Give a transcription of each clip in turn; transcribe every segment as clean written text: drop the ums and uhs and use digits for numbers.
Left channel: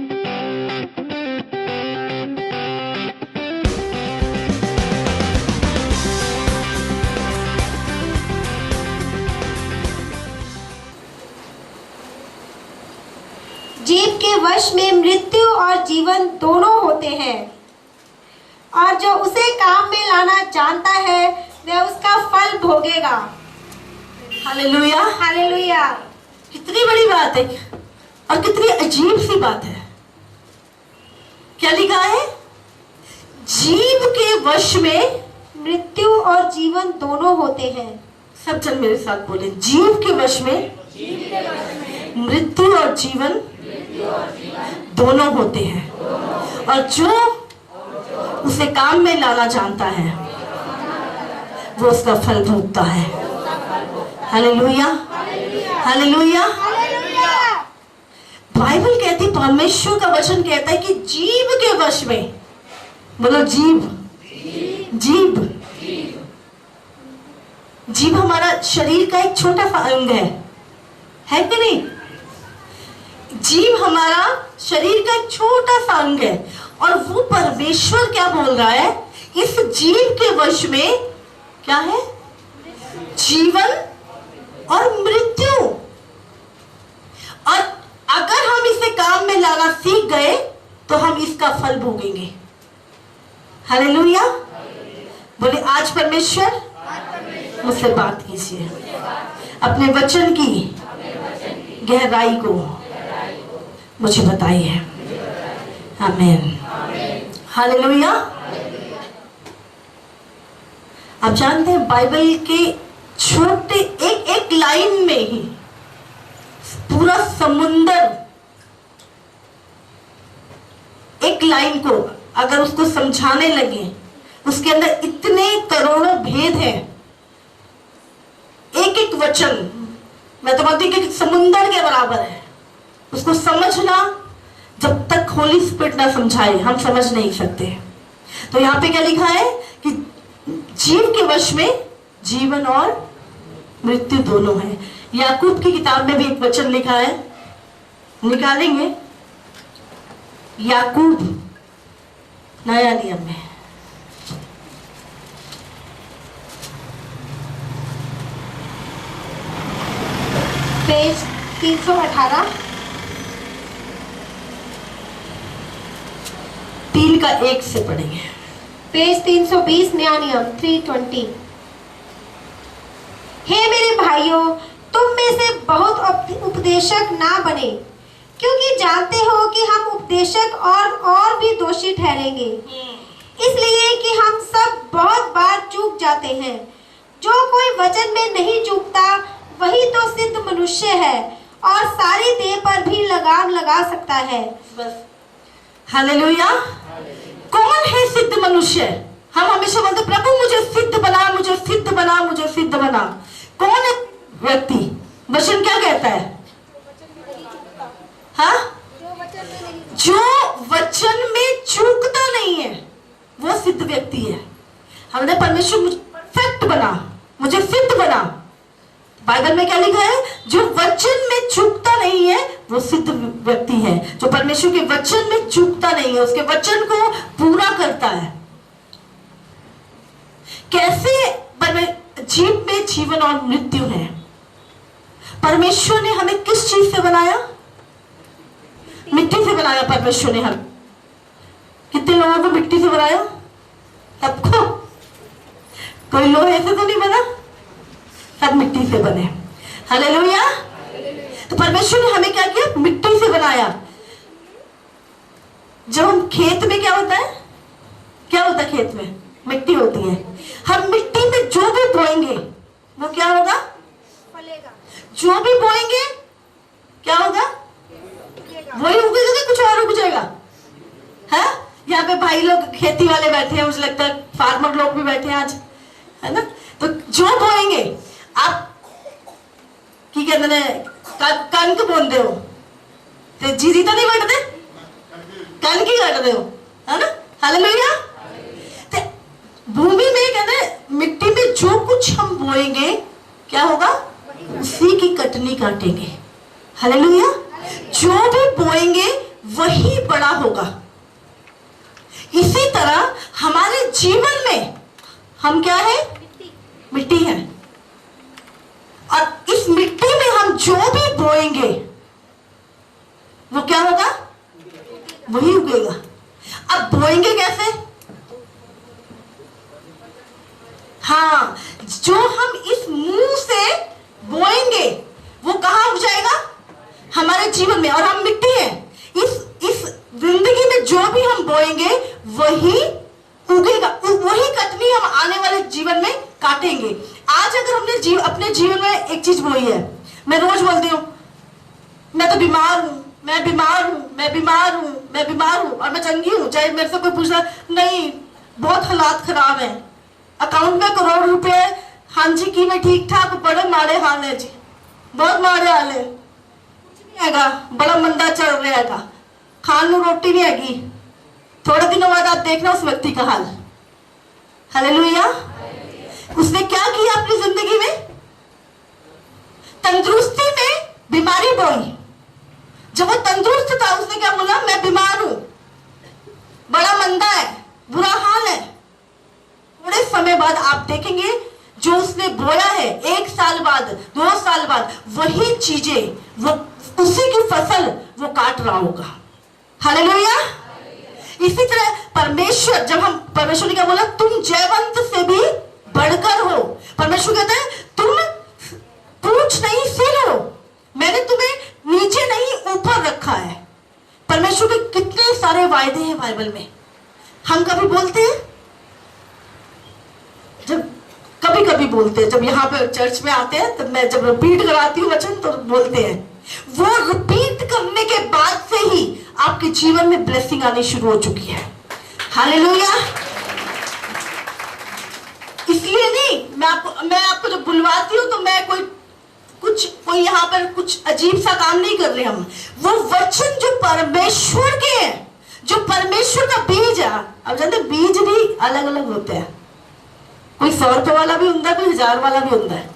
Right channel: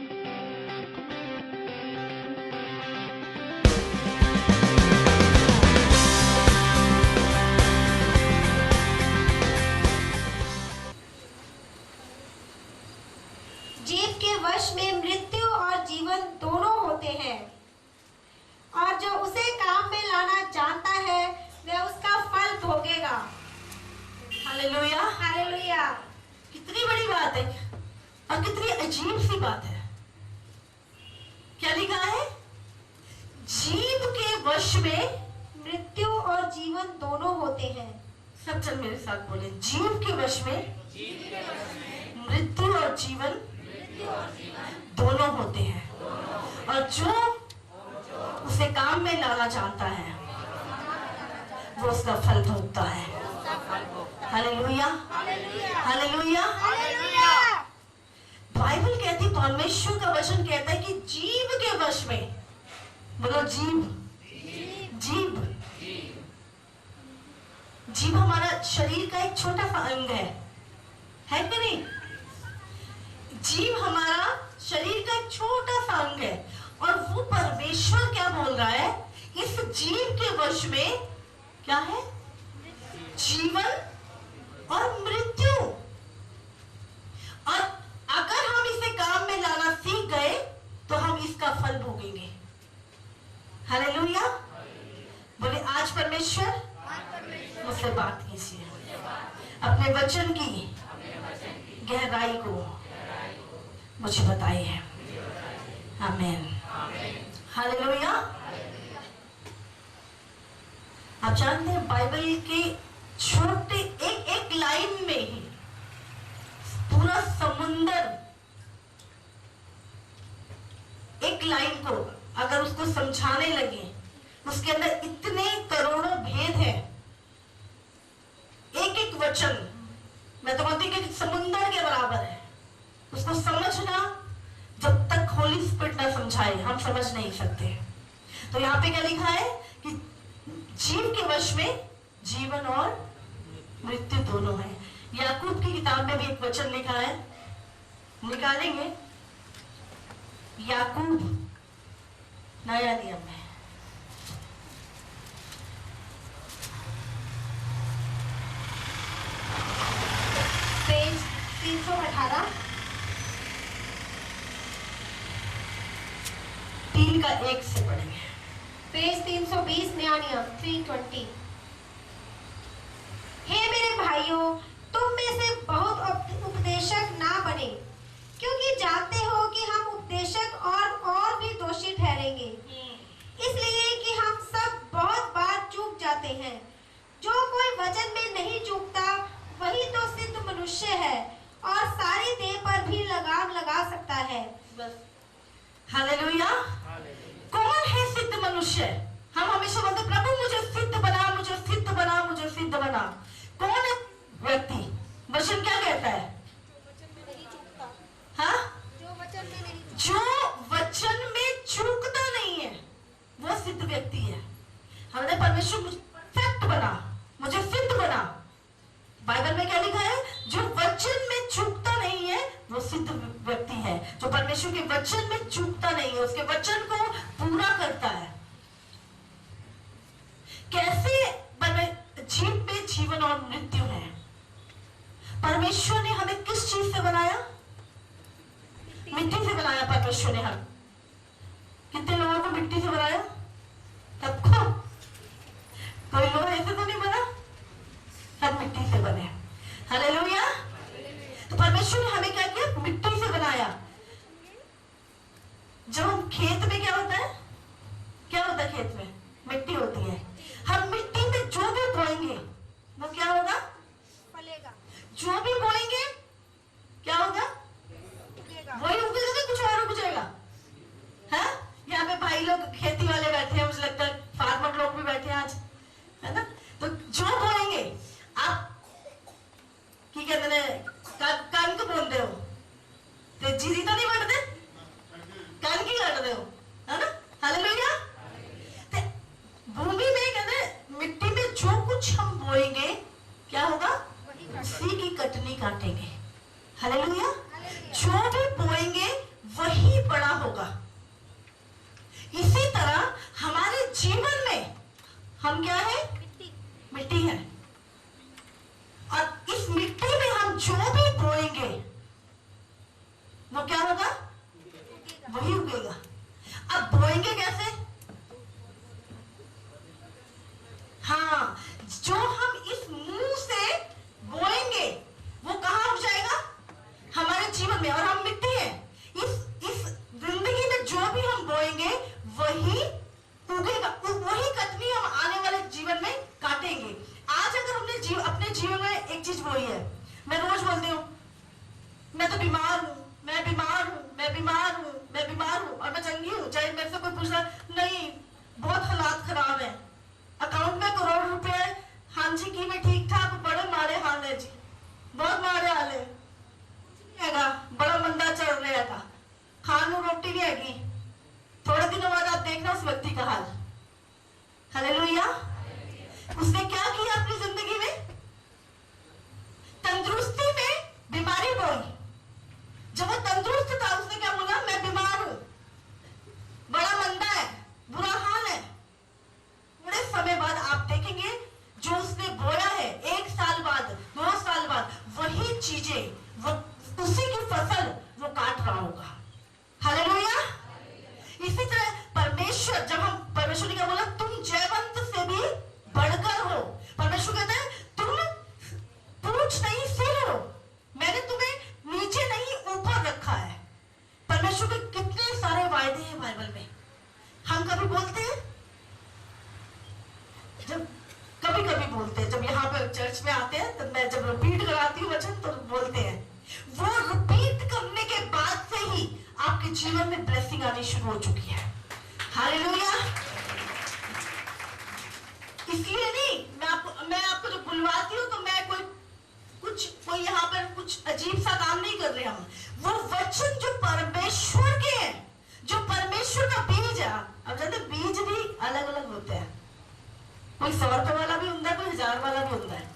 जीव के वश में मृत्यु और जीवन दोनों होते हैं, और जो उसे काम में लाना जानता है वह उसका फल भोगेगा। Hallelujah, hallelujah. कितनी बड़ी बात है और कितनी अजीब सी बात है। क्या लिखा है? जीव के वश में मृत्यु और जीवन दोनों होते हैं। सब जन मेरे साथ बोले, जीव के वश में मृत्यु और जीवन दोनों होते हैं, और जो उसे काम में लाना जानता है वो उसका फल भोगता है। Hallelujah, hallelujah. बाइबल कहती, परमेश्वर का वचन कहता है कि जीव के वश में, बोलो जीव, जीव, जीव हमारा शरीर का एक छोटा सा अंग है कि नहीं? जीव हमारा शरीर का एक छोटा सा अंग है, और वो परमेश्वर क्या बोल रहा है? इस जीव के वश में क्या है? जीवन और मृत्यु। और अगर हम इसे काम में लाना सीख गए तो हम इसका फल भोगेंगे। हालेलुया। बोले, आज परमेश्वर मुझसे बात कीजिए, अपने वचन की गहराई को मुझे बताइए। आमीन, हालेलुया। आप जानते हैं बाइबल के छोटे एक एक लाइन में ही पूरा समुंदर, एक लाइन को अगर उसको समझाने लगे, उसके अंदर इतने करोड़ों भेद हैं। एक एक वचन, मैं तो मानती हूँ कि समुंदर के बराबर है। उसको समझना, जब तक होली स्पिरिट ना समझाए हम समझ नहीं सकते। तो यहाँ पे क्या लिखा है कि जीव के वश में जीवन और मृत्यु दोनों है। याकूब की किताब में भी एक वचन लिखा है, निकालेंगे। याकूब नया नियम में, पेज 318, 3 का 1 से पढ़ेंगे। पेज 320, नया नियम 320। हे मेरे भाइयों, तुम में से बहुत उपदेशक ना बने, क्योंकि जानते हो कि हम उपदेशक और भी दोषी ठहरेंगे, इसलिए कि हम सब बहुत बार चूक जाते हैं। जो कोई वचन में नहीं चूकता वही तो सिद्ध मनुष्य है और सारी देह पर भी लगाम लगा सकता है। बस। हालेलुया। कौन है सिद्ध मनुष्य? हम हमेशा बोलते, प्रभु मुझे सिद्ध बना, मुझे सिद्ध बना, मुझे सिद्ध बना। कौन है व्यक्ति? वचन क्या कहता है? हाँ, जो वचन में चूकता नहीं है वो सिद्ध व्यक्ति है। हमने परमेश्वर मुझे परफेक्ट बना, मुझे सिद्ध बना। बाइबल में क्या लिखा है? जो वचन में चूकता नहीं है वो सिद्ध व्यक्ति है। जो परमेश्वर के वचन में चूकता नहीं है, उसके वचन को पूरा करता है। कैसे जीव में जीवन और मृत्यु है? परमेश्वर ने हमें किस चीज से बनाया? मिट्टी से बनाया परमेश्वर ने। हम कितने लोगों को मिट्टी से बनाया? सबको। कोई लोहे से तो नहीं बना, सब मिट्टी से बने। हालेलुया। तो परमेश्वर ने हमें क्या किया? मिट्टी से बनाया। जब हम खेत में क्या होता है? क्या होता है खेत में? मिट्टी होती है। हम मिट्टी में जो भी बोएंगे वो क्या होगा? फलेगा। जो भी बोएंगे क्या होगा? वही उगेगा, कुछ और उग जाएगा। है? यहाँ पे भाई लोग खेती वाले बैठे हैं, मुझे लगता है फार्मर लोग भी बैठे हैं आज, है ना? तो जो बोएंगे आप की कहते हैं कणक बोलते हो तो जीरी तो नहीं कटते, कणक ही कटते हो, है ना? हालेलुया। भूमि में कहते मिट्टी में जो कुछ हम बोएंगे क्या होगा? उसी की कटनी काटेंगे। हालेलुया। जो भी बोएंगे वही वही बड़ा होगा। इसी तरह हमारे जीवन में हम क्या है? मिट्टी है। और इस मिट्टी में हम जो भी बोएंगे वो क्या होगा? वही उगेगा। अब बोएंगे कैसे? हाँ, जो हम इस मुंह से बोएंगे वो कहाँ उग जाएगा? हमारे जीवन में। और हम मिट्टी हैं। इस जिंदगी में जो भी हम बोएंगे वही उगेगा। वही कटनी हम आने वाले जीवन में काटेंगे। आज अगर हमने अपने जीवन में एक चीज बोई है, मैं रोज बोलती हूँ मैं तो बीमार हूँ, मैं बीमार हूँ, मैं बीमार हूँ, मैं बीमार हूँ, और मैं चंगी हूँ। चाहे मेरे से कोई पूछना, नहीं बहुत हालात खराब है, अकाउंट में करोड़ रुपए है, हाँ जी की मैं ठीक ठाक, बड़े माड़े हाल है जी, बहुत माड़े हाल है, कुछ नहीं हैगा, बड़ा मंदा चल रहा है, खान नू रोटी नहीं हैगी। थोड़े दिनों बाद आप देखना उस व्यक्ति का हाल। हालेलुया। उसने क्या किया अपनी जिंदगी में? तंदुरुस्ती में बीमारी बोई। जब वो तंदुरुस्त था उसने क्या बोला? मैं बीमार हूं, बड़ा मंदा है, बुरा हाल है। थोड़े समय बाद आप देखेंगे जो उसने बोया है, 1 साल बाद, 2 साल बाद, वही चीजें, वो उसी की फसल वो काट रहा होगा। हालेलुया। इसी तरह परमेश्वर, जब हम परमेश्वर ने क्या बोला? तुम जयवंत से भी बढ़कर हो। परमेश्वर कहते हैं तुम पूछ नहीं सिर हो, मैंने तुम्हें नीचे नहीं ऊपर रखा है। परमेश्वर के कितने सारे वायदे हैं बाइबल में। हम कभी बोलते हैं, जब कभी कभी बोलते हैं, जब यहाँ पे चर्च में आते हैं, तब मैं जब रिपीट कराती हूँ वचन तो बोलते हैं। वो रिपीट करने के बाद से ही आपके जीवन में ब्लेसिंग आनी शुरू हो चुकी है। हालेलुया। इसलिए नहीं, मैं आपको जब बुलवाती हूँ तो मैं कोई यहाँ पर कुछ अजीब सा काम नहीं कर रहे हम। वो वचन जो परमेश्वर के हैं, जो परमेश्वर का बीज है। अब जानते बीज भी अलग अलग होते हैं, कोई 100 रुपए वाला भी होता है, कोई 1000 वाला भी होता है।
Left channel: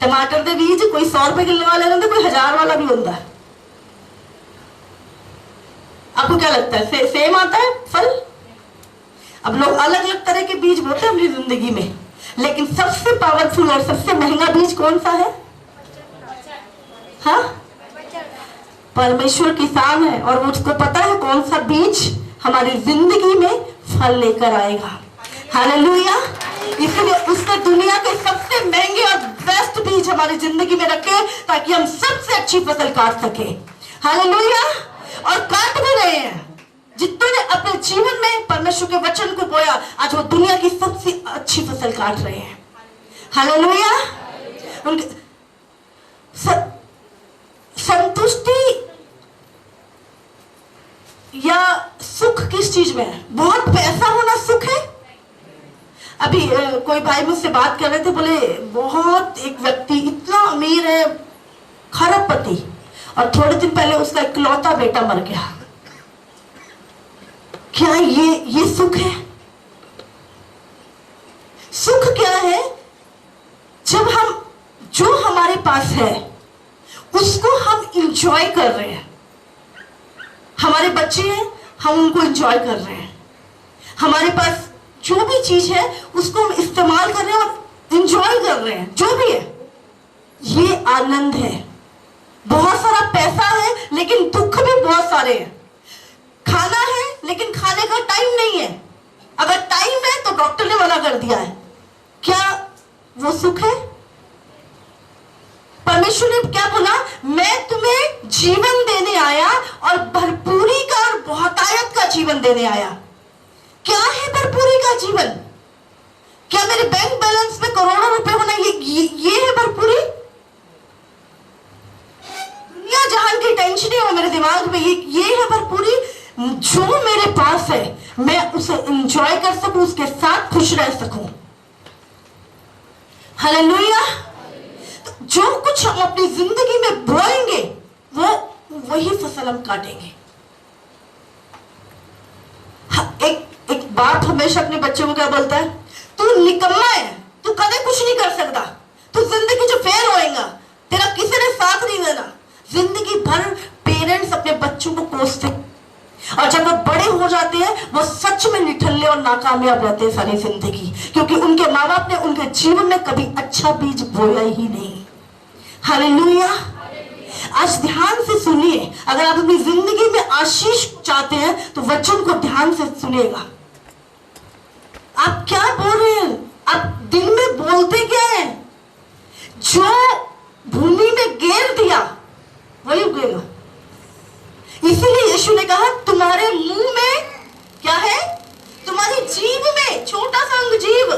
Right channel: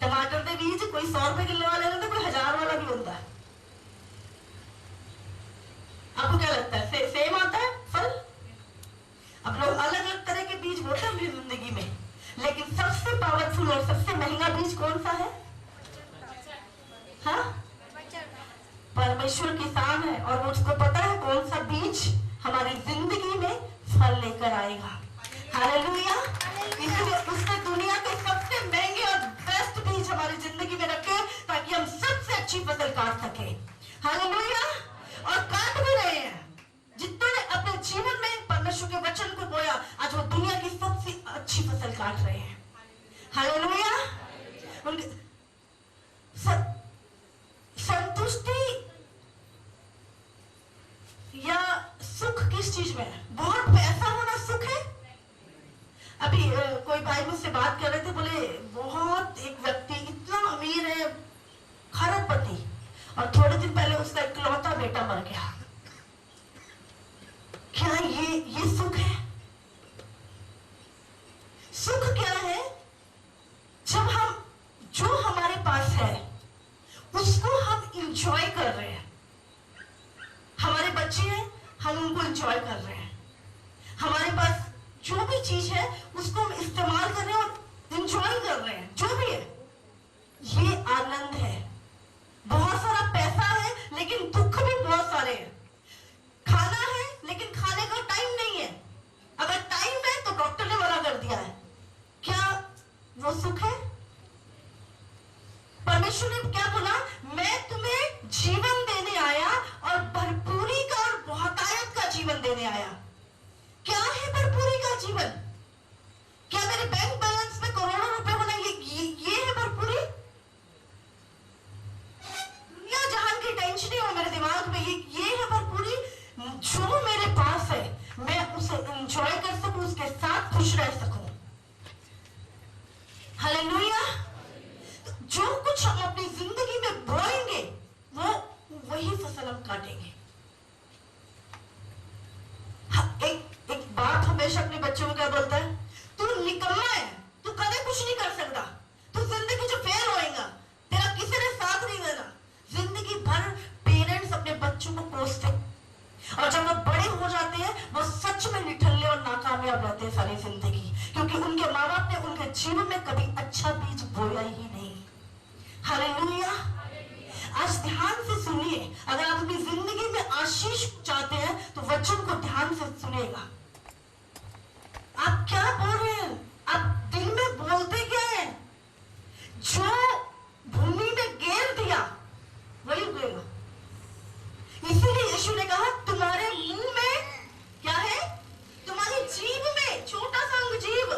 टमाटर के बीज कोई 100 रुपए किलो वाले होते, कोई 1000 वाला भी होता है। आपको क्या लगता है सेम आता है फल? अब लोग अलग अलग तरह के बीज बोते हैं अपनी जिंदगी में, लेकिन सबसे पावरफुल और सबसे महंगा बीज कौन सा है? हाँ, परमेश्वर किसान है और उसको पता है कौन सा बीज हमारी जिंदगी में फल लेकर आएगा। हालेलुया। इसलिए उसने दुनिया के सबसे महंगे और बेस्ट बीज हमारी जिंदगी में रखे ताकि हम सबसे अच्छी फसल काट सके। हालेलुया। और काट भी रहे हैं। जितने ने अपने जीवन में परमेश्वर के वचन को बोया, आज वो दुनिया की सबसे अच्छी फसल काट रहे हैं। हालेलुया। उनके संतुष्टि या सुख किस चीज में है? बहुत पैसा होना सुख है? अभी कोई भाई मुझसे बात कर रहे थे, बोले बहुत एक व्यक्ति इतना अमीर है, खरबपति, और थोड़े दिन पहले उसका इकलौता बेटा मर गया। क्या ये सुख है? सुख क्या है? जब हम जो हमारे पास है उसको हम इंजॉय कर रहे हैं। हमारे बच्चे हैं, हम उनको इंजॉय कर रहे हैं। हमारे पास जो भी चीज है उसको हम इस्तेमाल कर रहे हैं और इंजॉय कर रहे हैं। जो भी है, ये आनंद है। बहुत सारा पैसा है लेकिन दुख भी बहुत सारे हैं। खाना है लेकिन खाने का टाइम नहीं है। अगर टाइम है तो डॉक्टर ने मना कर दिया है। क्या वो सुख है? परमेश्वर ने क्या बोला? मैं तुम्हें जीवन देने आया और भरपूरी का और बहुतायत का जीवन देने आया। क्या है भरपूरी का जीवन? क्या मेरे बैंक बैलेंस में करोड़ों रुपए होना ये है भरपूरी? दुनिया जहान की टेंशन हो मेरे दिमाग में, ये है भरपूरी? जो मेरे पास है मैं उसे एंजॉय कर सकूं, उसके साथ खुश रह सकूं। हालेलुया। जो कुछ हम अपनी जिंदगी में बोएंगे वो वही फसल हम काटेंगे। एक बाप हमेशा अपने बच्चों को क्या बोलता है? तू निकम्मा है, तू कदे कुछ नहीं कर सकता, तू जिंदगी जो फेल होएगा, तेरा किसी ने साथ नहीं देना। जिंदगी भर पेरेंट्स अपने बच्चों को कोसते, हो जाते हैं वो सच में निठल्ले और नाकामयाब रहते हैं सारी जिंदगी, क्योंकि उनके माँ बाप ने उनके जीवन में कभी अच्छा बीज बोया ही नहीं। हालेलुया। आज ध्यान से सुनिए, अगर आप अपनी जिंदगी में आशीष चाहते हैं तो वचन को ध्यान से सुनिएगा। आप क्या बोल रहे हैं? आप दिल में बोलते क्या है? जो भूमि में गेर दिया वही उगेगा। इसीलिए यीशु ने कहा तुम्हारे मुंह में क्या है? तुम्हारी जीभ में, छोटा सा अंग जीभ,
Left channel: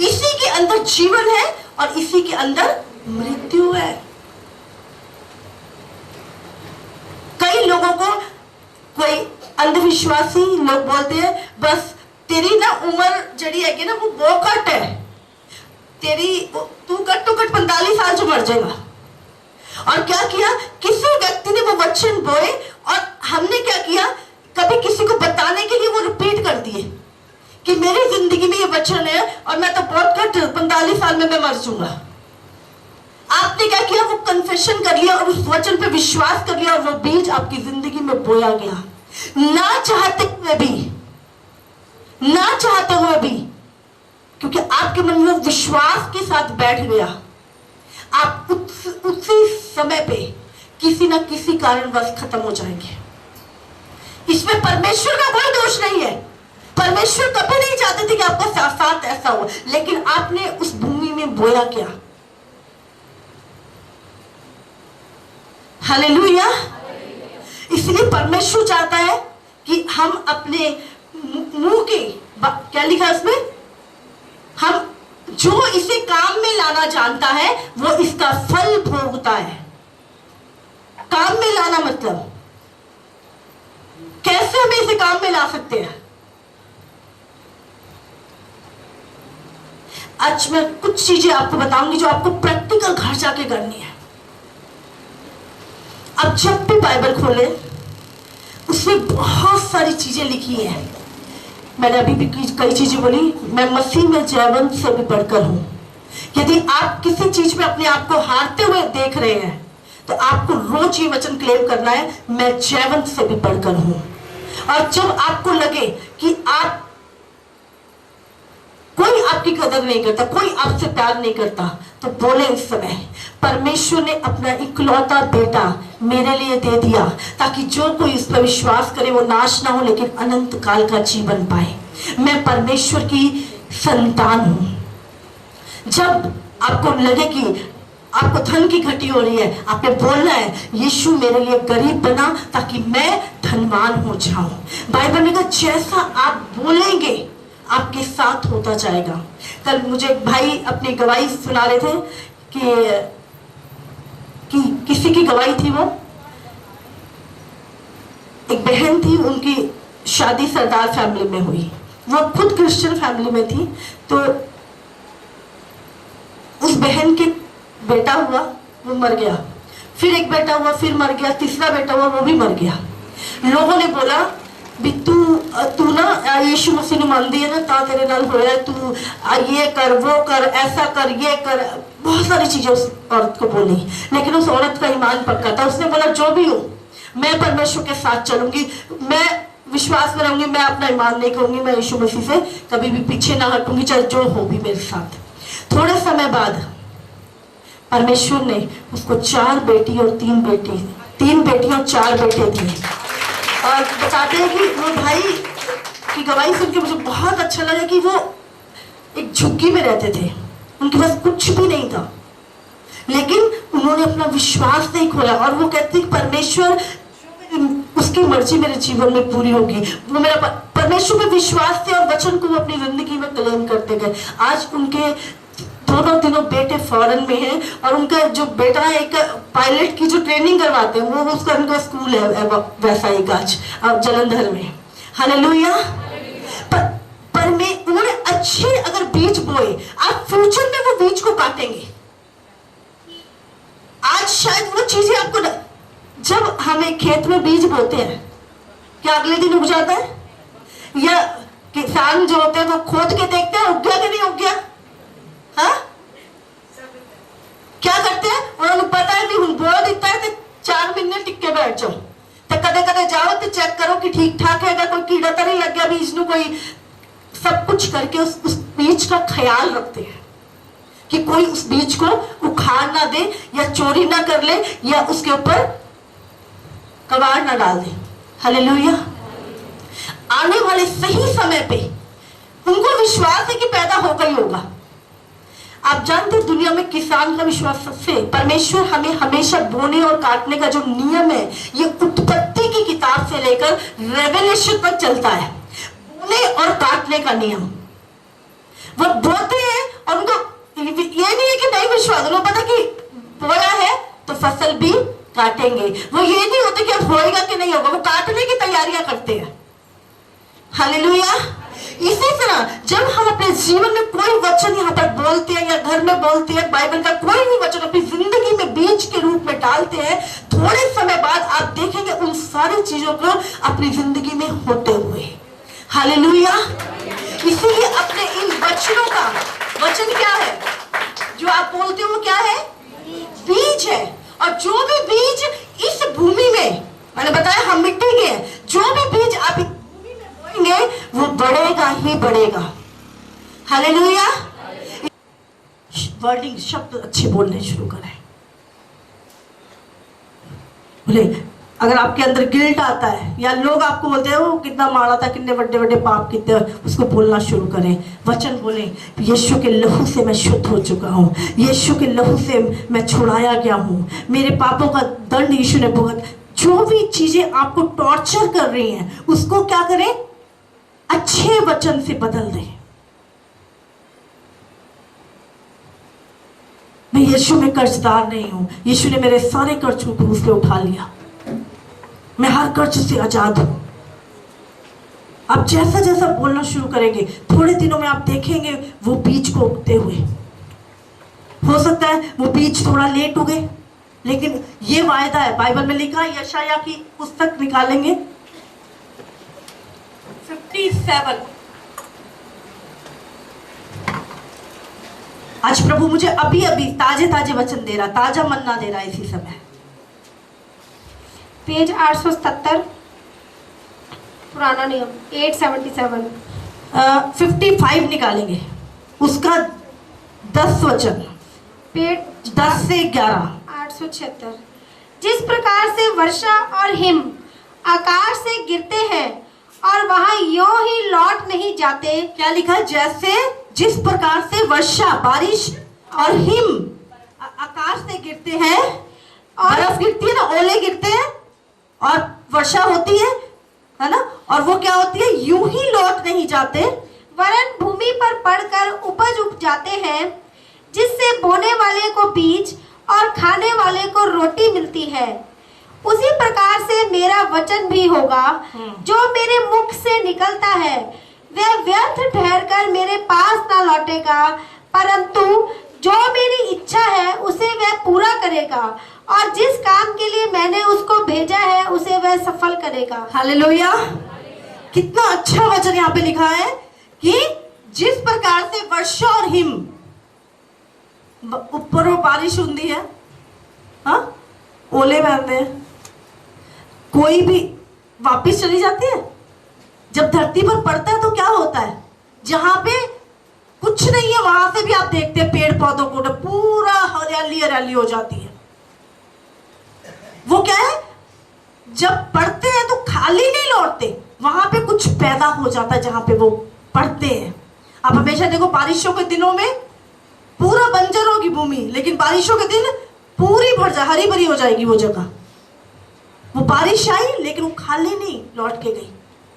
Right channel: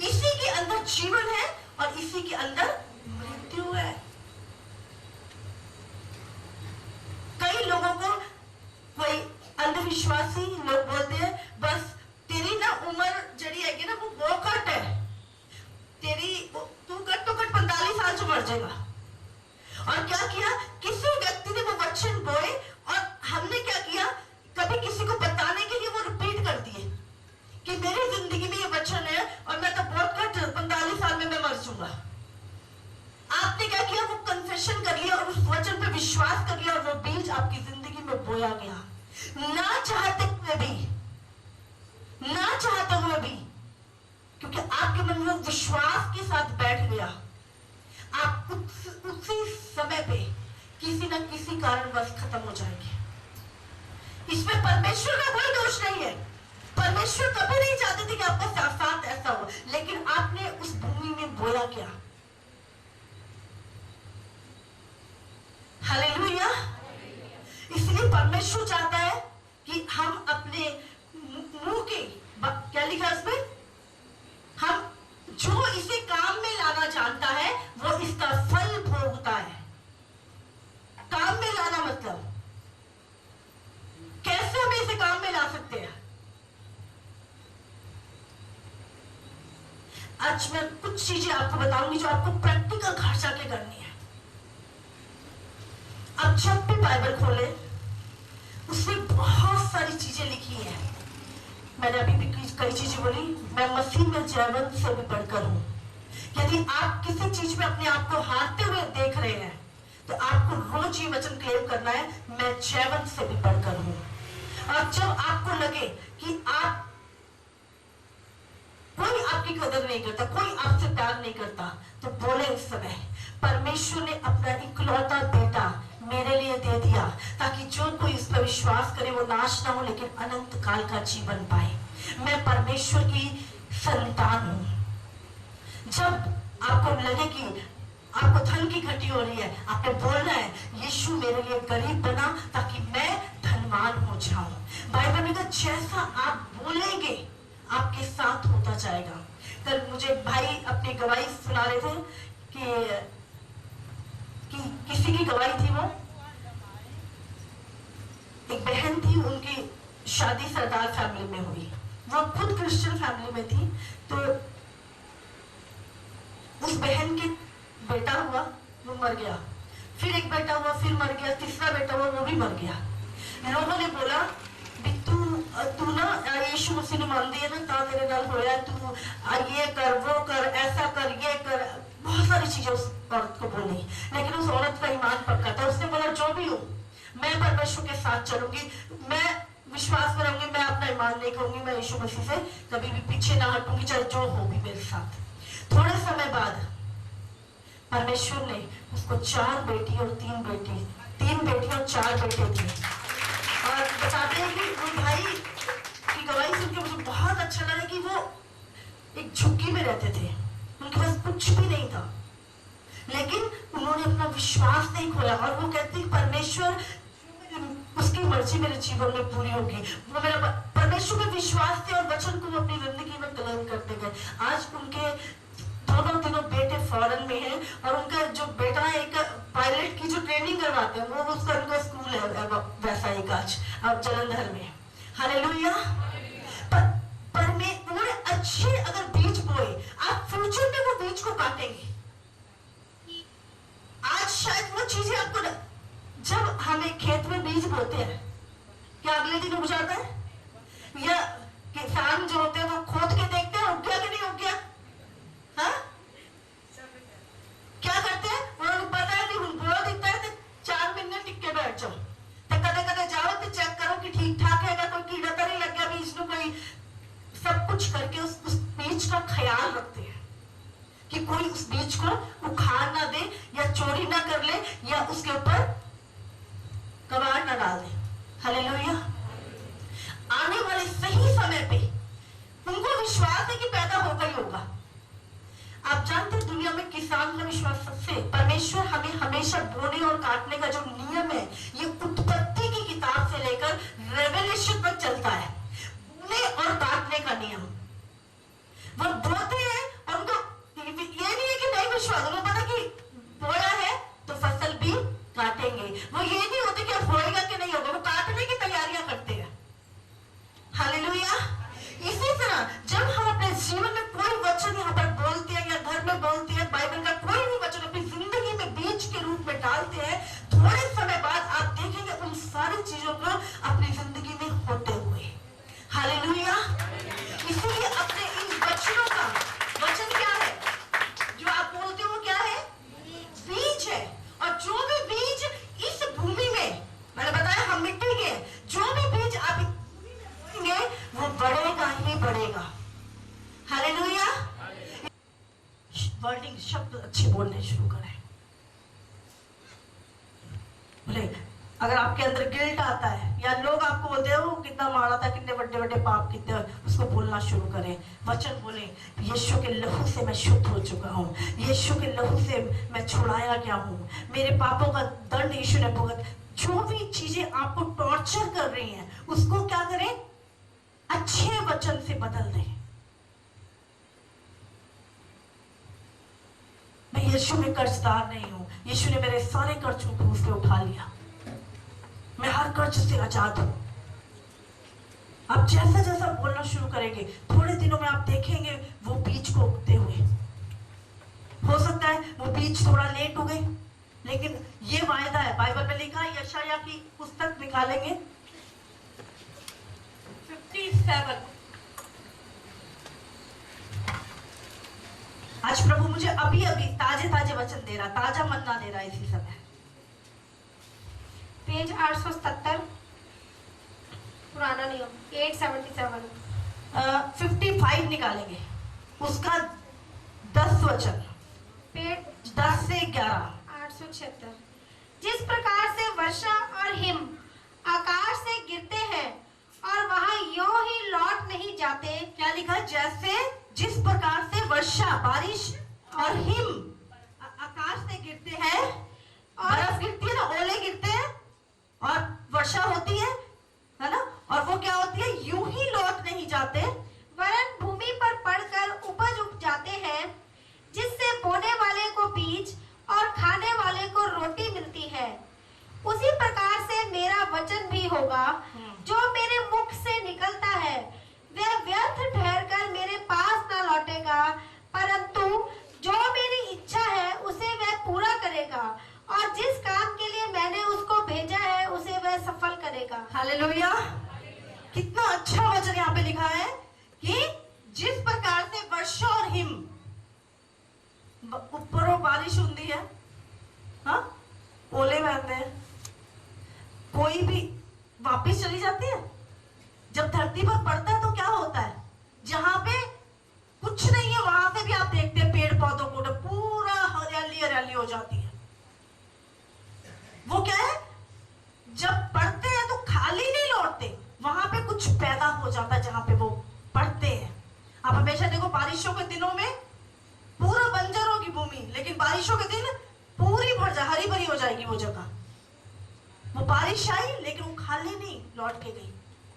इसी के अंदर जीवन है और इसी के अंदर मृत्यु है। कई लोगों को, कोई अंधविश्वासी लोग बोलते हैं बस तेरी ना उम्र जड़ी है ना वो कट है, तेरी तू कट तो कट 45 साल जो मर जाएगा। और क्या किया, किसी व्यक्ति ने वो वचन बोए और हमने क्या किया, कभी किसी को बताने के लिए वो रिपीट कर दिए कि मेरी जिंदगी में ये वचन है और मैं तो बहुत कट 45 साल में मैं मर जाऊंगा। आपने क्या किया, वो कन्फेशन कर लिया और उस वचन पे विश्वास कर लिया और वो बीज आपकी जिंदगी में बोया गया। ना चाहते हुए भी, क्योंकि आपके मन में विश्वास के साथ बैठ गया, आप उसी समय पे किसी ना किसी कारणवश खत्म हो जाएंगे। इसमें परमेश्वर का कोई दोष नहीं है। परमेश्वर कभी नहीं चाहते थे कि आपका साथ ऐसा हो, लेकिन आपने उस भूमि में बोया क्या? हालेलुया। इसलिए परमेश्वर चाहता है कि हम अपने मुंह के, क्या लिखा है उसमें, हम जो इसे काम में लाना जानता है वो इसका फल भोगता है। काम में लाना मतलब कैसे हम इसे काम में ला सकते हैं? आज मैं कुछ चीजें आपको बताऊंगी जो आपको प्रैक्टिकल घर जाके करनी है। अब जब भी बाइबल खोले उसमें बहुत सारी चीजें लिखी है। मैंने अभी भी कई चीजें बोली, मैं मसीह में जयवंत से भी बढ़कर हूं। यदि आप किसी चीज में अपने आप को हारते हुए देख रहे हैं तो आपको रोज ये वचन क्लेम करना है, मैं जयवंत से भी बढ़कर हूं। और जब आपको लगे कि आप, कोई आपकी कदर नहीं करता, कोई आपसे प्यार नहीं करता, तो बोले इस समय, परमेश्वर ने अपना इकलौता बेटा मेरे लिए दे दिया ताकि जो कोई इस पर विश्वास करे वो नाश ना हो लेकिन अनंत काल का जीवन पाए। मैं परमेश्वर की संतान हूं। जब आपको लगे कि आपको धन की घटी हो रही है, आपने बोलना है, यीशु मेरे लिए गरीब बना ताकि मैं धनवान हो जाऊं। बाइबल में कहा जैसा आप बोलेंगे आपके साथ होता जाएगा। कल मुझे भाई अपनी गवाही सुना रहे थे कि किसी की गवाही थी, वो एक बहन थी, उनकी शादी सरदार फैमिली में हुई, वो खुद क्रिश्चियन फैमिली में थी। तो उस बहन के बेटा हुआ, वो मर गया, फिर एक बेटा हुआ, फिर मर गया, तीसरा बेटा हुआ, वो भी मर गया। लोगों ने बोला भी तू ना यीशु मसीह ने मान दिया ना, ता तेरे नाल होया, तू ये कर, वो कर, ऐसा कर, ये कर, बहुत सारी चीजें उस औरत को बोली। लेकिन उस औरत का ईमान पक्का था। उसने बोला जो भी हो मैं परमेश्वर के साथ चलूंगी, मैं विश्वास में रहूंगी, मैं अपना ईमान नहीं कहूंगी, मैं यीशु मसीह से कभी भी पीछे ना हटूंगी, चाहे जो हो भी मेरे साथ। थोड़े समय बाद परमेश्वर ने उसको 4 बेटी और 3 बेटी और 4 बेटे दिए। और बताते हैं कि वो भाई की गवाही सुन के मुझे बहुत अच्छा लगा कि वो एक झुग्गी में रहते थे, उनके पास कुछ भी नहीं था, लेकिन उन्होंने अपना विश्वास नहीं खोया। और वो कहते हैं परमेश्वर उसकी मर्जी मेरे जीवन में पूरी होगी। वो मेरा परमेश्वर में विश्वास थे और वचन को वो अपनी जिंदगी में क्लेम करते गए। आज उनके दोनों बेटे फॉरेन में हैं और उनका जो बेटा है एक पायलट की जो ट्रेनिंग करवाते हैं, वो उसका उनका स्कूल है वैसा ही गाज जलंधर में। हालेलुया। पर में उन्होंने अच्छे अगर बीज बोए, आप फ्यूचर में वो बीज को काटेंगे। आज शायद वो चीजें आपको जब हमें खेत में बीज बोते हैं, क्या अगले दिन उग जाता है? या किसान जो होते हैं वो खोद के देखते हैं उग गया कि नहीं उग गया? हाँ? क्या करते हैं? उन्होंने पता है कि बो देता है तो 4 महीने टिक के बैठ जाओ, तो कदे कदे जाओ तो चेक करो कि ठीक ठाक है, अगर कोई कीड़ा तो नहीं लग गया बीज में, कोई सब कुछ करके उस बीज का ख्याल रखते हैं कि कोई उस बीज को उखाड़ ना दे या चोरी ना कर ले या उसके ऊपर कबाड़ ना डाल दे। हालेलुया। आने वाले सही समय पे उनको विश्वास है कि पैदा होगा ही होगा। आप जानते हैं दुनिया में किसान का विश्वास सबसे, परमेश्वर हमें हमेशा बोने और काटने का जो नियम है ये उत्पत्ति की किताब से लेकर रेवलेशन तक चलता है। बोने और काटने का नियम, वो बोते हैं और उनको ये नहीं है कि नहीं विश्वास, उनको पता कि बोना है तो फसल भी काटेंगे। वो ये नहीं होता कि अब होएगा कि नहीं होगा, वो काटने की तैयारियां करते हैं। हालेलुया। इसी तरह जब हम अपने जीवन में कोई वचन यहाँ पर बोलते हैं या घर में बोलते हैं, बाइबल का कोई भी वचन अपनी जिंदगी में बीज के रूप में डालते हैं, थोड़े समय बाद आप देखेंगे उन सारी चीजों को अपनी जिंदगी में होते हुए। हालेलुया। इसीलिए अपने इन वचनों का, वचन क्या है जो आप बोलते हो, क्या है? बीज है। और जो भी बीज इस भूमि में, मैंने बताया हम मिट्टी के हैं, जो भी बीज आप बोएंगे वो बढ़ेगा ही बढ़ेगा। हालेलुया। वर्डिंग, शब्द अच्छे बोलने शुरू करें। बोले अगर आपके अंदर गिल्ट आता है या लोग आपको बोलते हैं वो कितना मारा था, कितने बड़े बड़े पाप कितने, उसको बोलना शुरू करें। वचन बोले यीशु के लहू से मैं शुद्ध हो चुका हूँ, यीशु के लहू से मैं छुड़ाया गया हूँ, मेरे पापों का दंड यीशु ने भुगत। जो भी चीजें आपको टॉर्चर कर रही हैं उसको क्या करें? अच्छे वचन से बदल दें। मैं यीशु में कर्जदार नहीं हूं, यीशु ने मेरे सारे कर्ज को क्रूस पे उठा लिया, मैं हर कर्ज से आजाद हूं। आप जैसा जैसा बोलना शुरू करेंगे थोड़े दिनों में आप देखेंगे वो बीज को उगते हुए। हो सकता है वो बीज थोड़ा लेट उगे, लेकिन ये वायदा है, बाइबल में लिखा है, यशायाह की पुस्तक निकालेंगे 57। आज प्रभु मुझे अभी अभी ताजे ताजे वचन दे रहा, ताजा मन्ना दे रहा है इसी समय। पेज 877, पुराना नियम 877। 55 निकालेंगे, उसका 10 वचन, पेज 10 से 11। 876। जिस प्रकार से वर्षा और हिम आकाश से गिरते हैं और वहां यों ही लौट नहीं जाते। क्या लिखा है? जैसे जिस प्रकार से वर्षा, बारिश और हिम आकाश से गिरते हैं, और बर्फ गिरती है ना, ओले गिरते हैं और वर्षा होती है ना, और वो क्या होती है? यूं ही लौट नहीं जाते, वरन भूमि पर पड़कर उपज उग जाते हैं, जिससे बोने वाले को बीज और खाने वाले को रोटी मिलती है। उसी प्रकार से मेरा वचन भी होगा जो मेरे मुख से निकलता है, वह व्यर्थ ठहरकर मेरे पास ना लौटेगा, परंतु जो मेरी इच्छा है उसे वह पूरा करेगा, और जिस काम के लिए मैंने उसको भेजा है उसे वह सफल करेगा। हालेलुया। कितना अच्छा वचन यहाँ पे लिखा है कि जिस प्रकार से वर्षा और हिम, ऊपर वो बारिश होती है, हाँ, ओले बहते हैं, कोई भी वापिस चली जाती है। जब धरती पर पड़ता है तो क्या होता है? जहां पे कुछ नहीं है वहां से भी आप देखते हैं पेड़ पौधों को पूरा हरियाली हरियाली हो जाती है। वो क्या है? जब पड़ते हैं तो खाली नहीं लौटते, वहां पे कुछ पैदा हो जाता है जहां पे वो पड़ते हैं। आप हमेशा देखो बारिशों के दिनों में पूरा बंजर होगी भूमि, लेकिन बारिशों के दिन पूरी भर जा, हरी भरी हो जाएगी वो जगह। वो बारिश आई लेकिन वो खाली नहीं लौट के गई,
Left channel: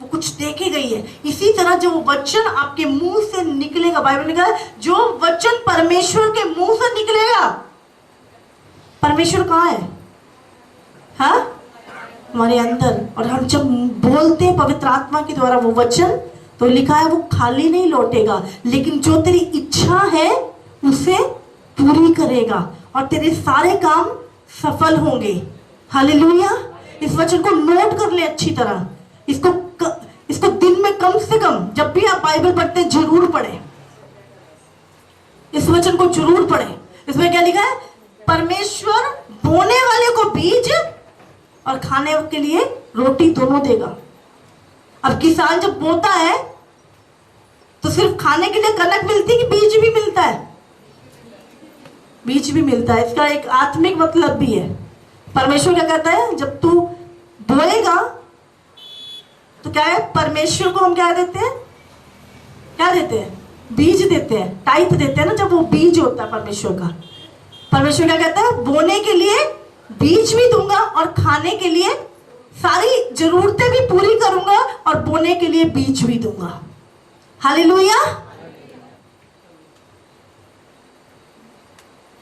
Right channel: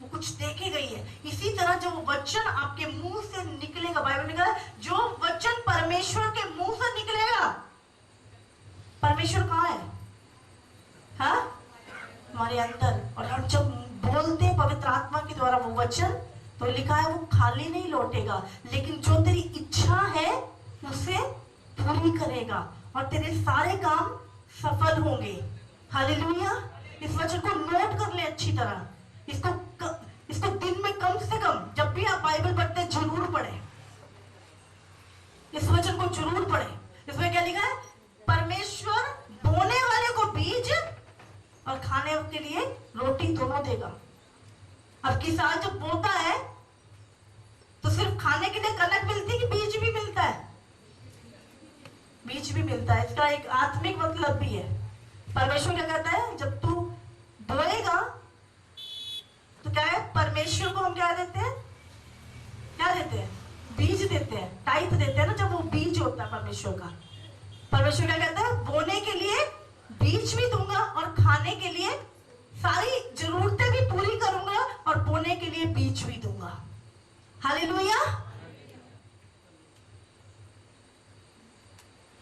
वो कुछ देके गई है। इसी तरह जो वचन आपके मुंह से निकलेगा, बाइबल में लिखा है जो वचन परमेश्वर के मुंह से निकलेगा, परमेश्वर कहाँ है? हाँ, हमारे अंदर। और हम जब बोलते हैं पवित्र आत्मा के द्वारा वो वचन, तो लिखा है वो खाली नहीं लौटेगा, लेकिन जो तेरी इच्छा है उसे पूरी करेगा और तेरे सारे काम सफल होंगे। हालेलुया। इस वचन को नोट कर ले अच्छी तरह, इसको दिन में कम से कम जब भी आप बाइबल पढ़ते हैं जरूर पढ़े, इस वचन को जरूर पढ़े। इसमें क्या लिखा है? परमेश्वर बोने वाले को बीज और खाने के लिए रोटी दोनों देगा। अब किसान जब बोता है तो सिर्फ खाने के लिए कनक मिलती है कि बीज भी मिलता है? बीज भी मिलता है। इसका एक आत्मिक मतलब भी है। परमेश्वर क्या कहता है, जब तू बोएगा तो क्या है, परमेश्वर को हम क्या देते हैं, क्या देते हैं, बीज देते हैं, टाइप देते हैं ना, जब वो बीज होता है परमेश्वर का। परमेश्वर क्या कहता है, बोने के लिए बीज भी दूंगा और खाने के लिए सारी जरूरतें भी पूरी करूंगा और बोने के लिए बीज भी दूंगा। हालेलुया।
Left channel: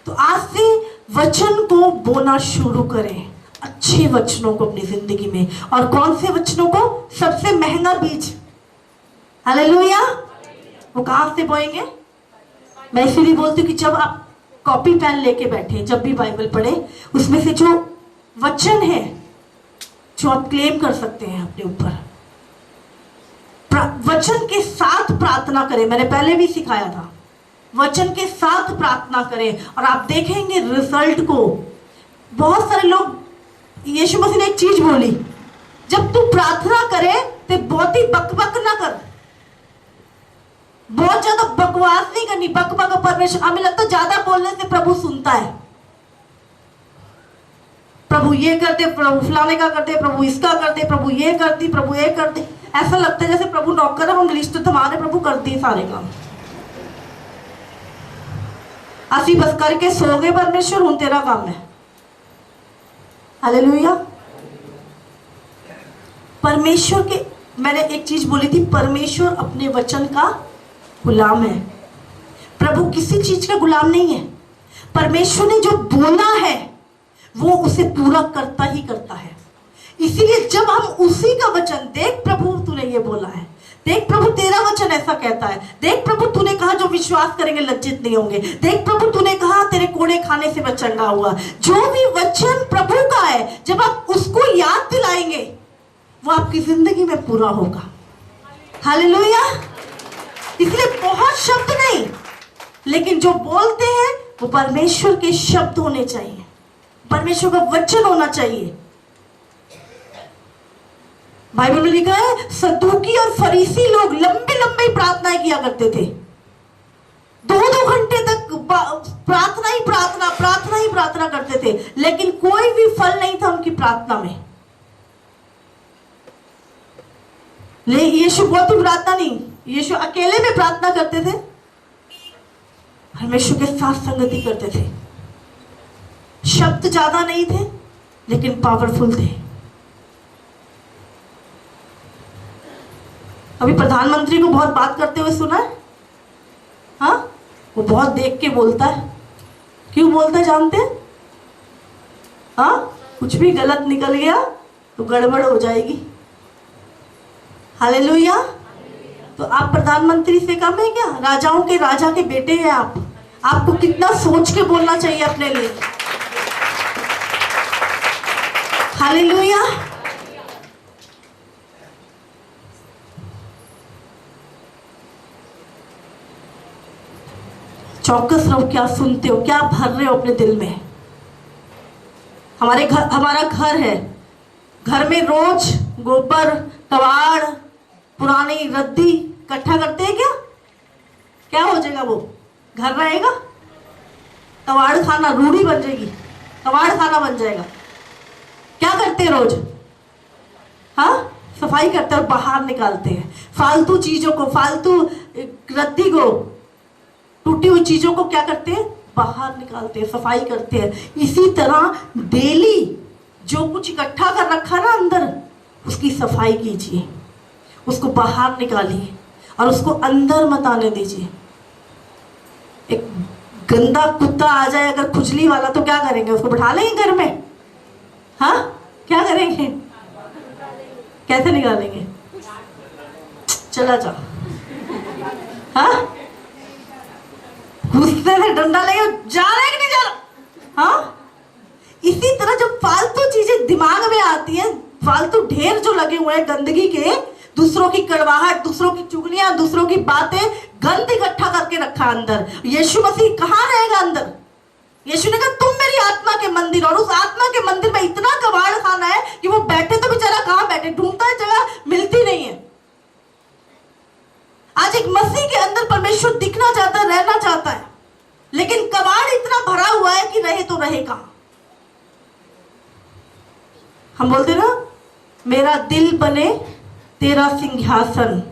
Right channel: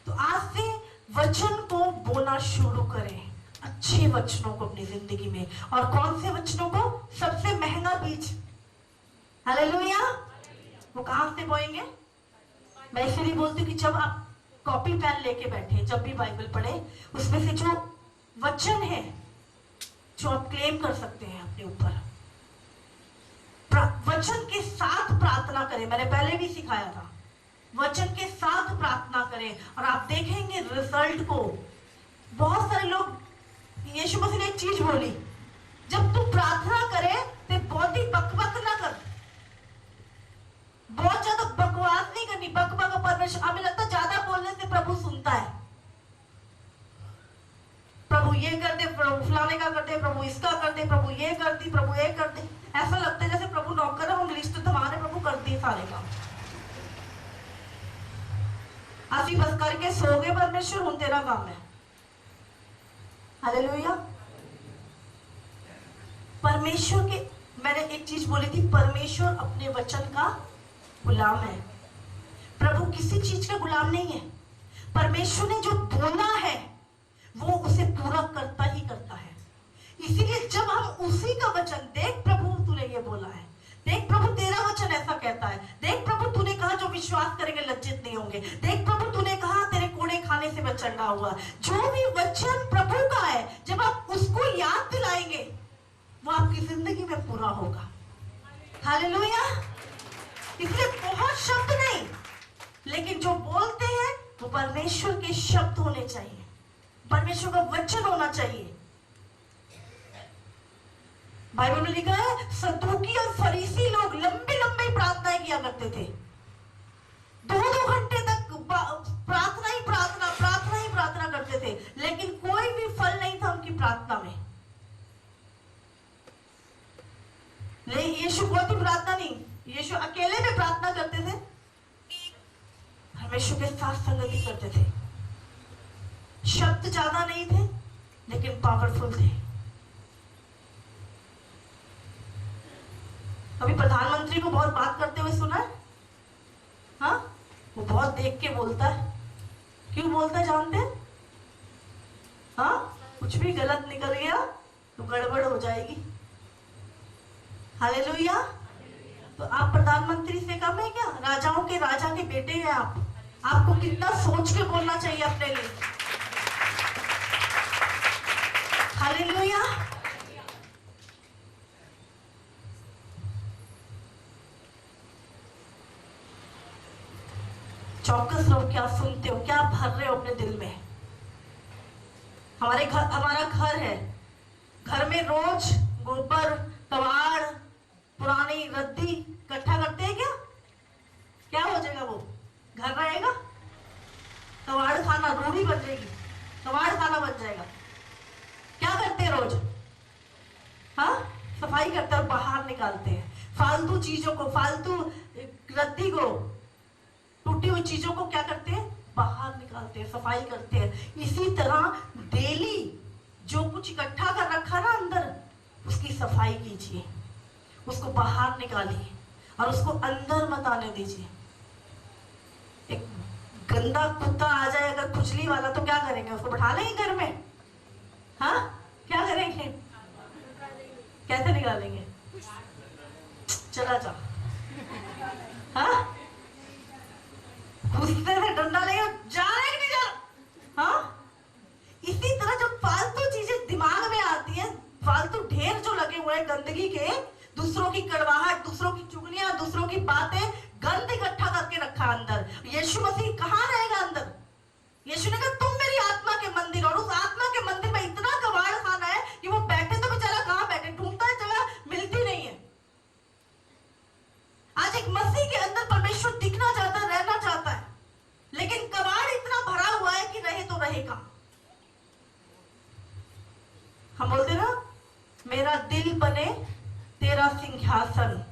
तो आज से वचन को बोना शुरू करें, अच्छे वचनों को अपनी जिंदगी में। और कौन से वचनों को? सबसे महंगा बीज। हालेलुया। वो कहां से बोएंगे? मैं इसीलिए बोलती हूँ कि जब आप कॉपी पेन लेके बैठे, जब भी बाइबल पढ़े, उसमें से जो वचन है जो आप क्लेम कर सकते हैं अपने ऊपर, वचन के साथ प्रार्थना करें। मैंने पहले भी सिखाया था, वचन के साथ प्रार्थना करें और आप देखेंगे रिजल्ट को। बहुत सारे लोग, यीशु मसीह ने एक चीज बोली, जब तू प्रार्थना करे तो बहुत ही बकबक ना कर, बहुत ज्यादा बकवास नहीं करनी। बकबक परमेश्वर, हमें लगता है ज्यादा बोलने से प्रभु सुनता है। प्रभु ये कर दे, प्रभु फलाने का कर दे, प्रभु इसका कर दे, प्रभु ये कर दी, प्रभु ये कर दे। ऐसा लगता है जैसे प्रभु नौकर है, हम लिस्ट थमाने, प्रभु कर दिए सारे काम। असी बस करके सो गए, परमेश्वर हूं तेरा काम है। हालेलुया। परमेश्वर के, मैंने एक चीज बोली थी, परमेश्वर अपने वचन का गुलाम है। प्रभु किसी चीज का गुलाम नहीं है। परमेश्वर ने जो बोला है वो उसे पूरा करता ही करता है। इसीलिए जब हम उसी का वचन, देख प्रभु तूने ये बोला है, देख प्रभु तेरा वचन ऐसा कहता है, देख प्रभु तूने कहा जो विश्वास करेंगे लज्जित नहीं होंगे, देख प्रभु तूने कहा तेरे कोड़े खाने से मैं चंगा हुआ। जो भी वचन प्रभु का है, जब आप उसको याद दिलाएंगे वो आपकी जिंदगी में पूरा होगा। हालेलुया। इसलिए बहुत शब्द नहीं, लेकिन जो बोलते हैं वो परमेश्वर के शब्द होने चाहिए, परमेश्वर का वचन होना चाहिए। बाइबल में लिखा है, सदूकी और फरीसी लोग लंबी लंबी प्रार्थनाएं किया करते थे। 2-2 घंटे तक प्रार्थना ही प्रार्थना, प्रार्थना ही प्रार्थना करते थे, लेकिन कोई भी फल नहीं था उनकी प्रार्थना में। ले यीशु बहुत ही प्रार्थना नहीं, यीशु अकेले में प्रार्थना करते थे, परमेश्वर के साथ संगति करते थे। शब्द ज्यादा नहीं थे लेकिन पावरफुल थे। अभी प्रधानमंत्री को बहुत बात करते हुए सुना है? हाँ, वो बहुत देख के बोलता है। क्यों बोलता है जानते हैं? हाँ, कुछ भी गलत निकल गया तो गड़बड़ हो जाएगी। हालेलुया। तो आप प्रधानमंत्री से कम है क्या? राजाओं के राजा के बेटे हैं आप। आपको कितना सोच के बोलना चाहिए अपने लिए। हालेलुया। चौकस रहो, क्या सुनते हो, क्या भर रहे हो अपने दिल में। हमारा घर है, घर में रोज गोबर, कबाड़, पुरानी रद्दी इकट्ठा करते हैं क्या? क्या हो जाएगा वो? घर रहेगा? कबाड़ खाना रूढ़ी बन जाएगी, कबाड़ खाना बन जाएगा। क्या करते हैं रोज? हाँ, सफाई करते हैं और बाहर निकालते हैं फालतू चीजों को, फालतू रद्दी को, टूटी हुई चीजों को क्या करते हैं? बाहर निकालते हैं, सफाई करते हैं। इसी तरह डेली जो कुछ इकट्ठा कर रखा ना अंदर, उसकी सफाई कीजिए, उसको बाहर निकालिए और उसको अंदर मत आने दीजिए। एक गंदा कुत्ता आ जाए अगर खुजली वाला, तो क्या करेंगे? उसको बैठा लेंगे घर में? हाँ, क्या करेंगे? कैसे निकालेंगे? चला जा। हाँ, गुस्से से डंडा लेके जा रहा है कि नहीं जा रहा? हाँ, इसी तरह जब फालतू चीजें दिमाग में आती हैं, फालतू ढेर जो लगे हुए हैं गंदगी के, दूसरों की कड़वाहट, दूसरों की चुगलियां, दूसरों की बातें, गंद इकट्ठा करके रखा अंदर। यीशु मसीह कहाँ रहेगा अंदर? यीशु ने कहा तुम मेरी आत्मा के मंदिर, और उस आत्मा के मंदिर में इतना कबाड़ खाना है कि वो बैठे तो बेचारा कहां बैठे, ढूंढता है जगह मिलती नहीं है। आज एक मसीह के अंदर परमेश्वर दिखना चाहता है, रहना चाहता है, लेकिन कबाड़ इतना भरा हुआ है कि रहे तो रहे कहां। हम बोलते ना, मेरा दिल बने तेरा सिंहासन।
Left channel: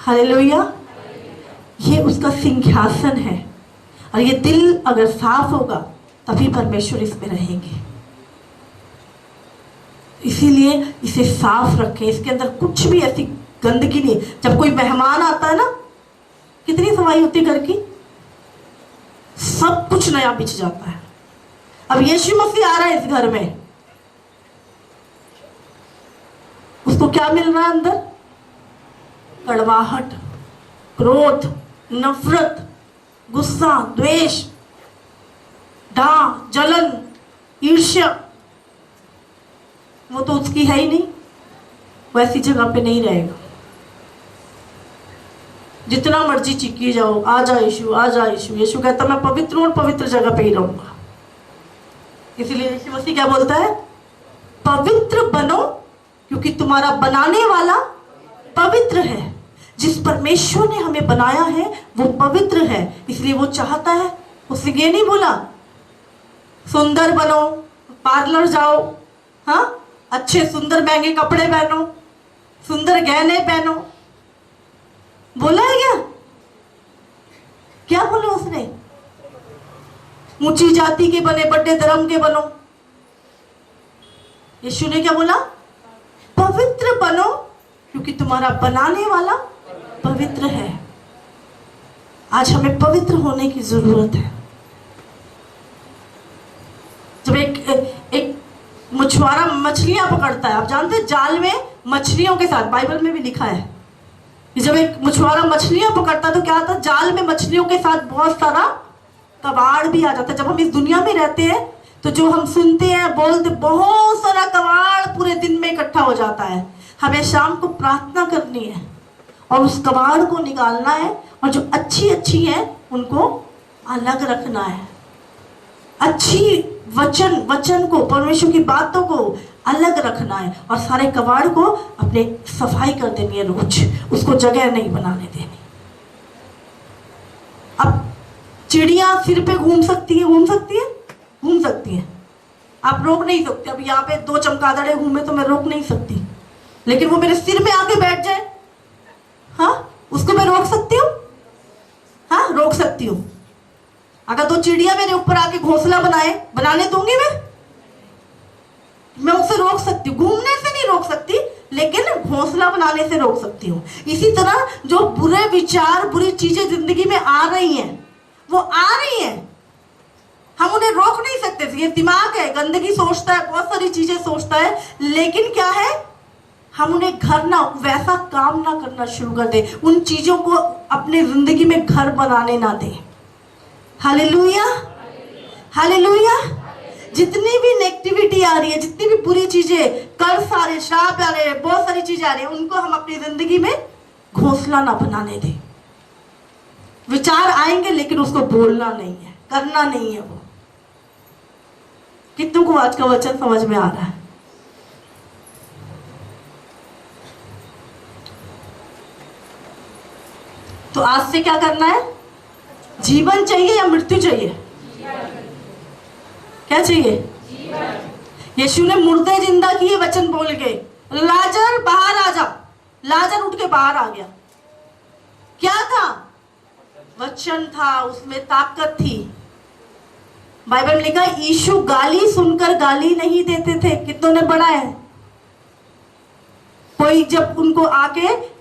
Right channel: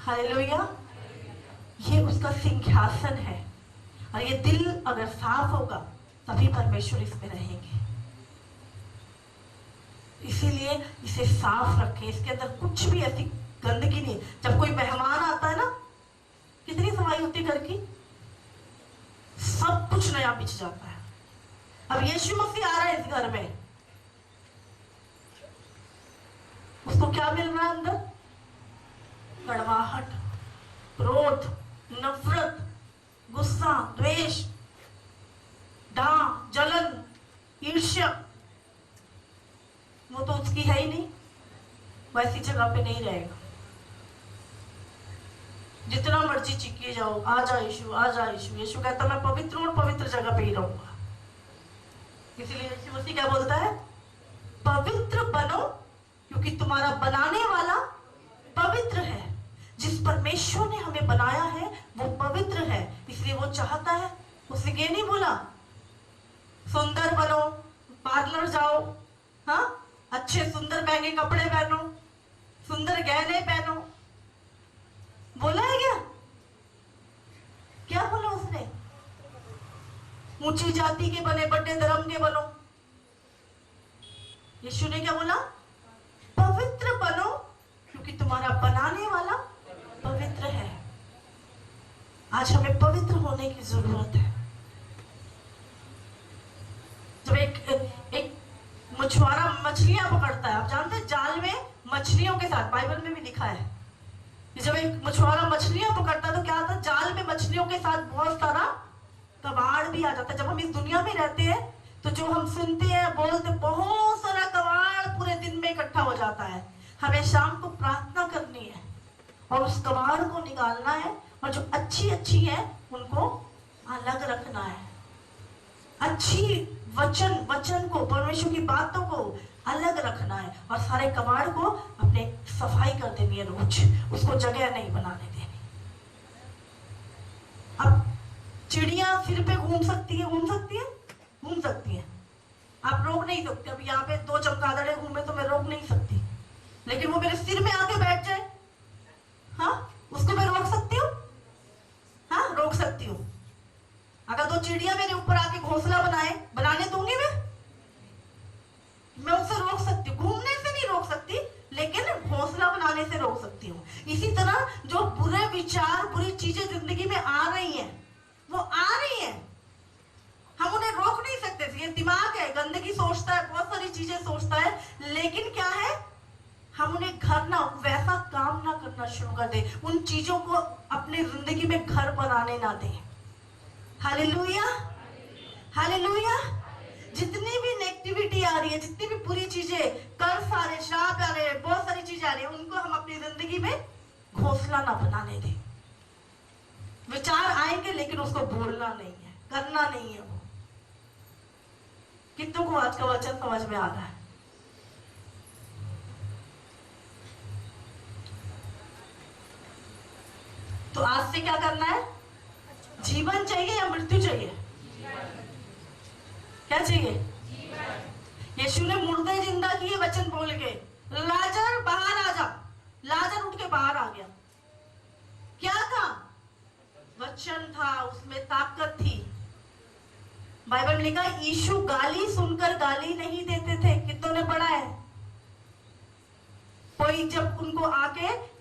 हालेलुया। ये उसका सिंहासन है, और ये दिल अगर साफ होगा तभी परमेश्वर इसमें रहेंगे। इसीलिए इसे साफ रखें, इसके अंदर कुछ भी ऐसी गंदगी नहीं। जब कोई मेहमान आता है ना, कितनी सफाई होती है घर की, सब कुछ नया बिछ जाता है। अब यीशु मसीह आ रहा है इस घर में, उसको क्या मिल रहा है अंदर? कड़वाहट, क्रोध, नफरत, गुस्सा, द्वेष, डाह, जलन, ईर्ष्या, वो तो उसकी है ही नहीं, वैसी जगह पे नहीं रहेगा। जितना मर्जी चिक्की जाओ, आ जा यीशु, आ जा यीशु। यीशु कहता मैं पवित्र हूं और पवित्र जगह पे ही रहूंगा। इसलिए यीशु मसीह क्या बोलता है? पवित्र बनो, क्योंकि तुम्हारा बनाने वाला पवित्र है। जिस परमेश्वर ने हमें बनाया है वो पवित्र है, इसलिए वो चाहता है। उसने ये नहीं बोला सुंदर बनो, पार्लर जाओ, हाँ, अच्छे सुंदर महंगे कपड़े पहनो, सुंदर गहने पहनो, बोला है क्या? क्या बोला उसने? ऊंची जाति के बने, बड़े धर्म के बनो। यीशु ने क्या बोला? पवित्र बनो, क्योंकि तुम्हारा बनाने वाला पवित्र है। आज हमें पवित्र होने की जरूरत है। जब एक मछुआरा मछलियां पकड़ता है, आप जानते हैं जाल में मछलियों के साथ, बाइबल में भी लिखा है कि जब एक मछुआरा मछलियां पकड़ता है तो क्या आता है? जाल में मछलियों के साथ बहुत सारा कबाड़ भी आ जाता है। जब हम इस दुनिया में रहते हैं तो जो हम सुनते हैं, बोलते, बहुत सारा कबाड़ पूरे दिन में इकट्ठा हो जाता है। हमें शाम को प्रार्थना करनी है और उस कबाड़ को निकालना है, और जो अच्छी है उनको अलग रखना है। अच्छी वचन को, परमेश्वर की बातों को अलग रखना है, और सारे कबाड़ को अपने सफाई कर देनी है रोज, उसको जगह नहीं बनाने देनी। अब चिड़िया सिर पे घूम सकती है, आप रोक नहीं सकते। अब यहाँ पे 2 चमगादड़े घूमे तो मैं रोक नहीं सकती, लेकिन वो मेरे सिर में आके बैठ जाए, हाँ, उसको मैं रोक सकती हूँ? हाँ, रोक सकती हूँ। अगर 2 चिड़िया मेरे ऊपर आके घोंसला बनाने दूंगी मैं उसे रोक सकती हूँ। घूमने से नहीं रोक सकती, लेकिन घोंसला बनाने से रोक सकती हूँ। इसी तरह जो बुरे विचार, बुरी चीजें जिंदगी में आ रही हैं, वो आ रही हैं, हम उन्हें रोक नहीं सकते। ये दिमाग है, गंदगी सोचता है, बहुत सारी चीजें सोचता है, लेकिन क्या है, हम उन्हें घर ना, वैसा काम ना करना शुरू कर दे, उन चीजों को अपने जिंदगी में घर बनाने ना दे। Hallelujah, hallelujah. जितनी भी नेगेटिविटी आ रही है, जितनी भी बुरी चीजें, कर्ज आ रहे, श्राप आ रहे, बहुत सारी चीजें आ रही है, उनको हम अपनी जिंदगी में घोंसला ना बनाने दें। विचार आएंगे लेकिन उसको बोलना नहीं है, करना नहीं है। वो कितनों को आज का वचन समझ में आ रहा है? तो आज से क्या करना है? जीवन चाहिए या मृत्यु चाहिए? क्या चाहिए? यीशु ने मुर्दे जिंदा किए वचन बोल के। लाजर बाहर आ जा। लाजर उठ के बाहर आ गया। क्या था? वचन था, उसमें ताकत थी। बाइबल में लिखा, यीशु गाली सुनकर गाली नहीं देते थे। कितनों ने पढ़ा है? कोई जब उनको आके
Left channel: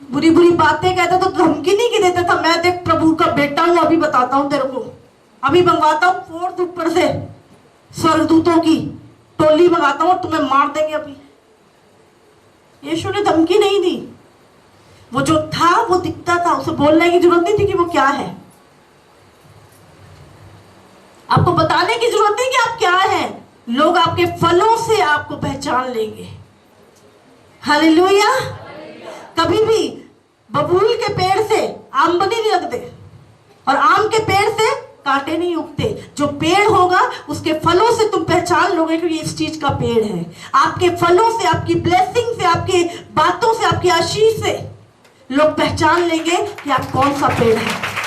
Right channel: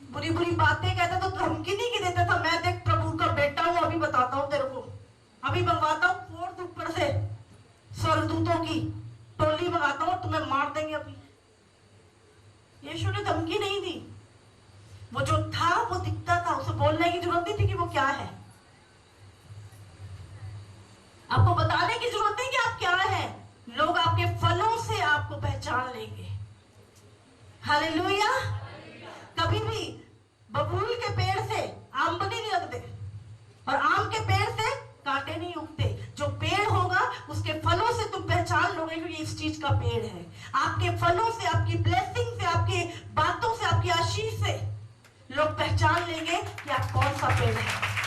बुरी बुरी बातें कहता तो धमकी नहीं की देता था, मैं देख प्रभु का बेटा हूं, अभी बताता हूं तेरे को, अभी मंगवाता हूं फोर्थ ऊपर से स्वर्गदूतों की टोली मंगाता हूं, तुम्हें मार देंगे अभी। यीशु ने धमकी नहीं दी। वो जो था वो दिखता था, उसे बोलने की जरूरत नहीं थी कि वो क्या है। आपको बताने की जरूरत नहीं कि आप क्या हैं। लोग आपके फलों से आपको पहचान लेंगे। हालेलुया। कभी भी बबूल के पेड़ से आमदनी नहीं लगते। और आम के पेड़ से कांटे नहीं उगते। जो पेड़ होगा उसके फलों से तुम पहचान लोगे कि ये इस चीज का पेड़ है। आपके फलों से, आपकी ब्लेसिंग से, आपकी बातों से, आपकी आशीष से लोग पहचान लेंगे कि आप कौन सा पेड़ है।